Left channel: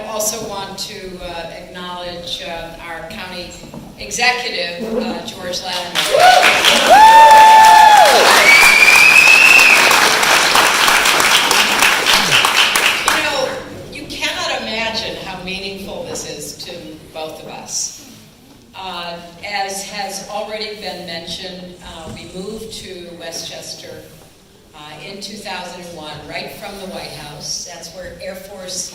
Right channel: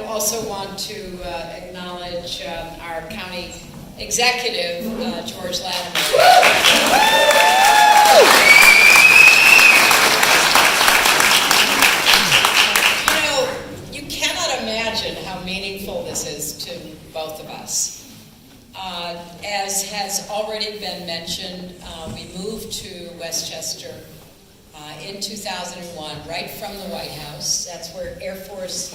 I also want to acknowledge our county executive, George Latimer. You cannot imagine how meaningful this is to both of us. As has already been mentioned, we moved to Westchester in 2001, right from the White House. That's where Air Force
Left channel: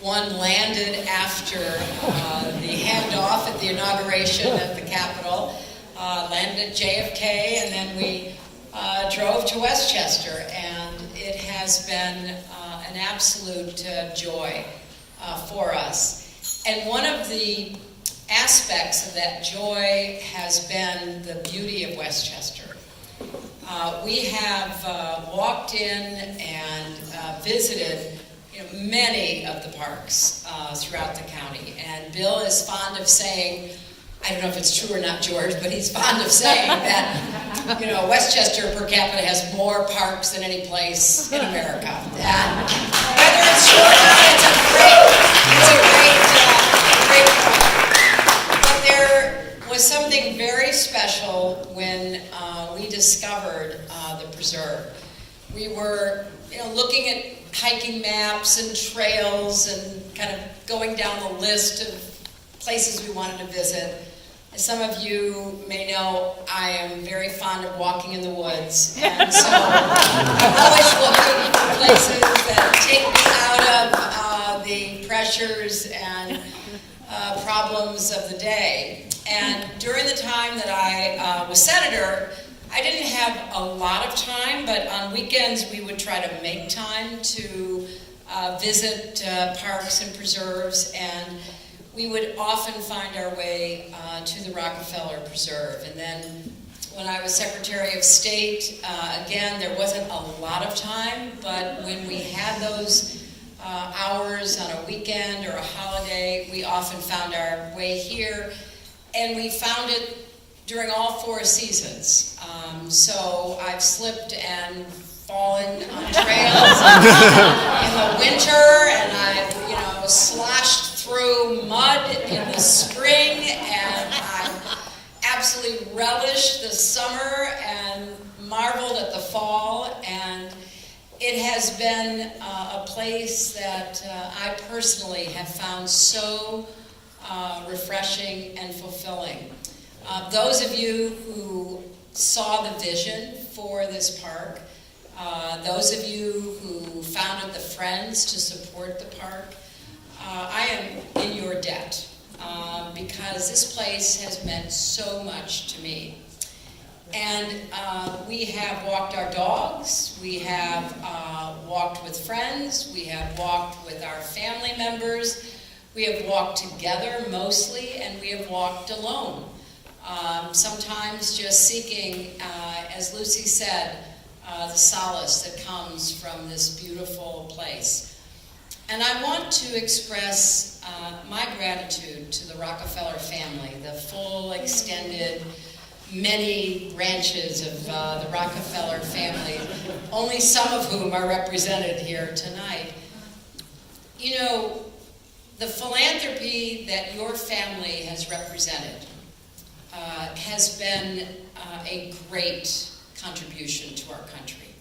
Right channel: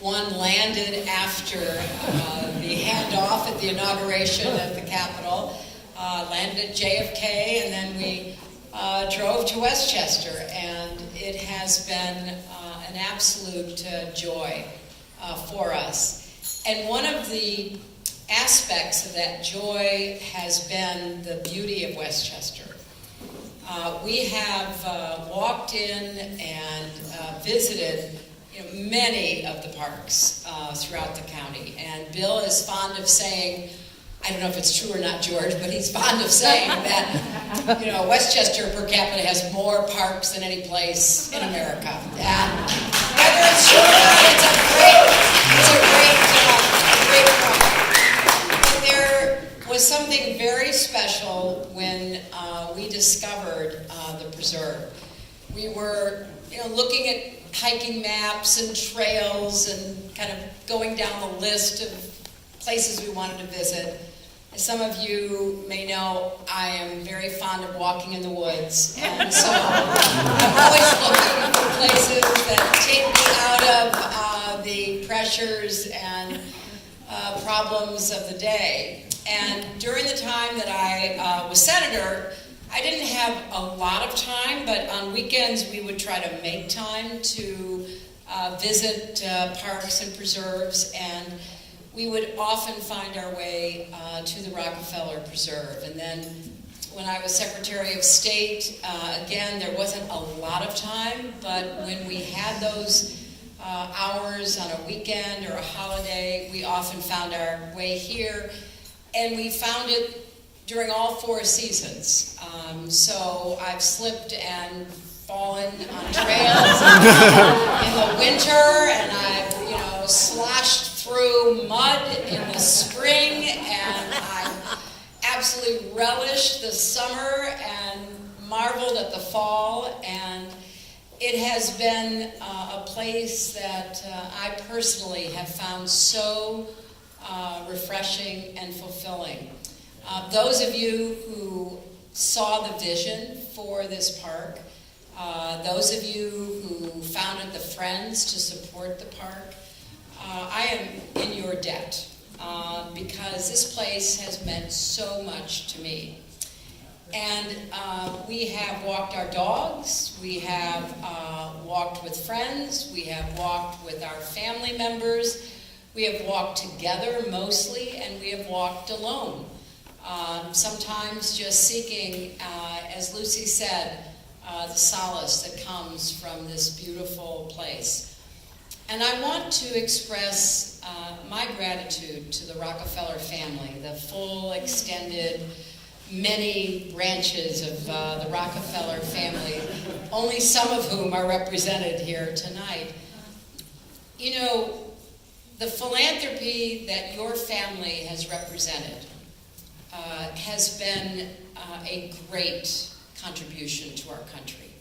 One landed after the handoff at the inauguration at the Capitol, landed at JFK, and then we drove to Westchester, and it has been an absolute joy for us. And one of the aspects of that joy has been the beauty of Westchester. We have walked in and visited many of the parks throughout the county. And Bill is fond of saying, I don't know if it's true or not, George, but he's fond of saying that, Westchester per capita has more parks than any place in America. And whether it's true or not, it's a great point. But there was something very special when we discovered the preserve. We were, looking at hiking maps and trails and kind of going down the list of places we wanted to visit. As some of you may know, I am very fond of walking in the woods, and so I'm always looking for places that take me out of the pressures and problems of the day. And during the time that I was senator, I didn't have a lot of time, but on weekends we would try to make time to visit parks and preserves, and we would often find our way to the Rockefeller Preserve. And then when I was Secretary of State, again, there wasn't a lot of time, but when we had those hours on a weekend or a holiday, we often found our way here, and we found it during all 4 seasons. So I've slipped and fallen on trails in the winter, and I've sloshed through mud in the spring, and I've absolutely relished the summer and marveled at the fall. And it has been a place that I personally have found so refreshing and fulfilling. Those of you who saw the vision for this park, those of you who founded the Friends to support the park, I am in your debt because this place has meant so much to me. And we have walked our dogs, we have walked with friends, we have walked with our family members, we have walked together mostly, and we have walked alone. Sometimes just seeking, as Lucy said, the solace that comes from this beautiful place. And I want to express my gratitude to the Rockefeller family, the full, extended, many branches of the Rockefeller family, only some of whom are represented here tonight. The philanthropy that your family has represented has been a great contribution to our country.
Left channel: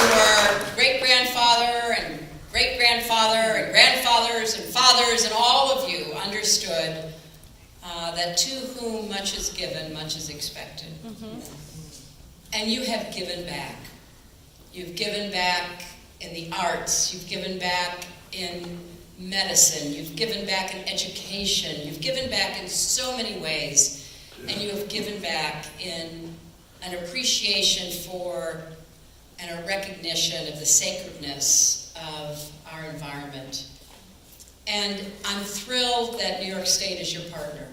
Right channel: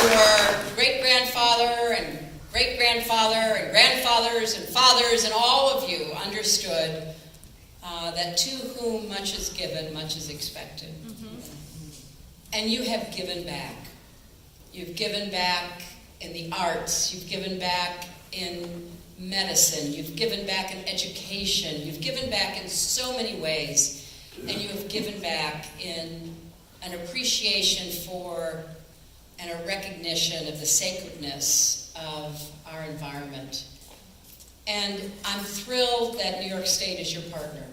Your great-grandfather and great-grandfather and grandfathers and fathers and all of you understood that to whom much is given, much is expected. Mm-hmm. And you have given back. You've given back in the arts. You've given back in medicine. You've given back in education. You've given back in so many ways. And you have given back in an appreciation for and a recognition of the sacredness of our environment. And I'm thrilled that New York State is your partner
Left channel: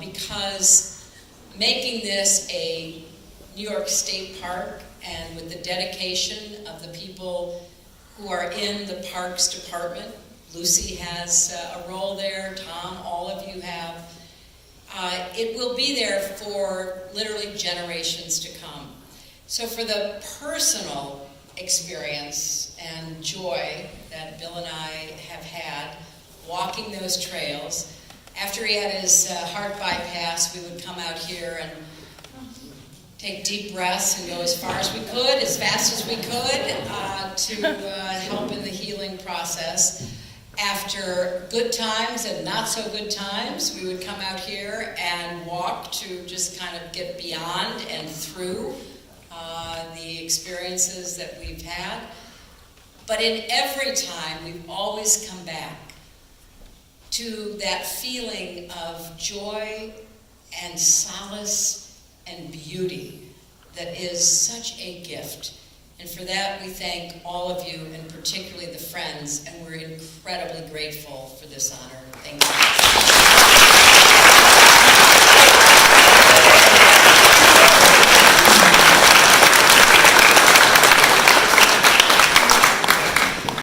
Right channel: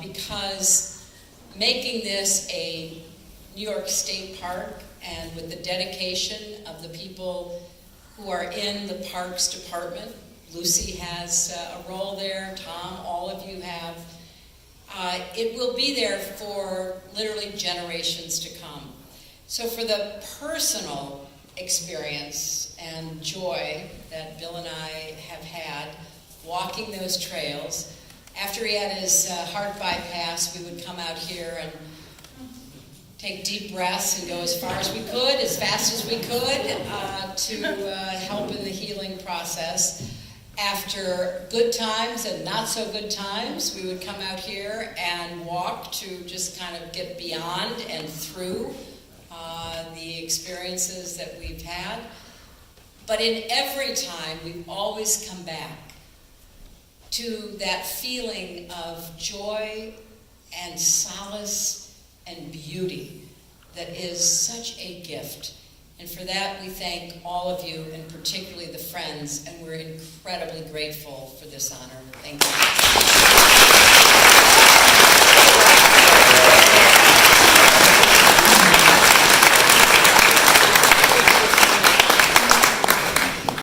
because making this a New York State Park, and with the dedication of the people who are in the Parks Department, Lucy has a role there, Tom, all of you have, it will be there for literally generations to come. So for the personal experience and joy that Bill and I have had walking those trails, after he had his heart bypass, we would come out here and take deep breaths and go as far as we could, as fast as we could, to help in the healing process. After good times and not so good times, we would come out here and walk to just kind of get beyond and through the experiences that we've had. But in every time, we've always come back to that feeling of joy and solace and beauty that is such a gift. And for that, we thank all of you, and particularly the friends, and we're incredibly grateful for this honor. Thank you.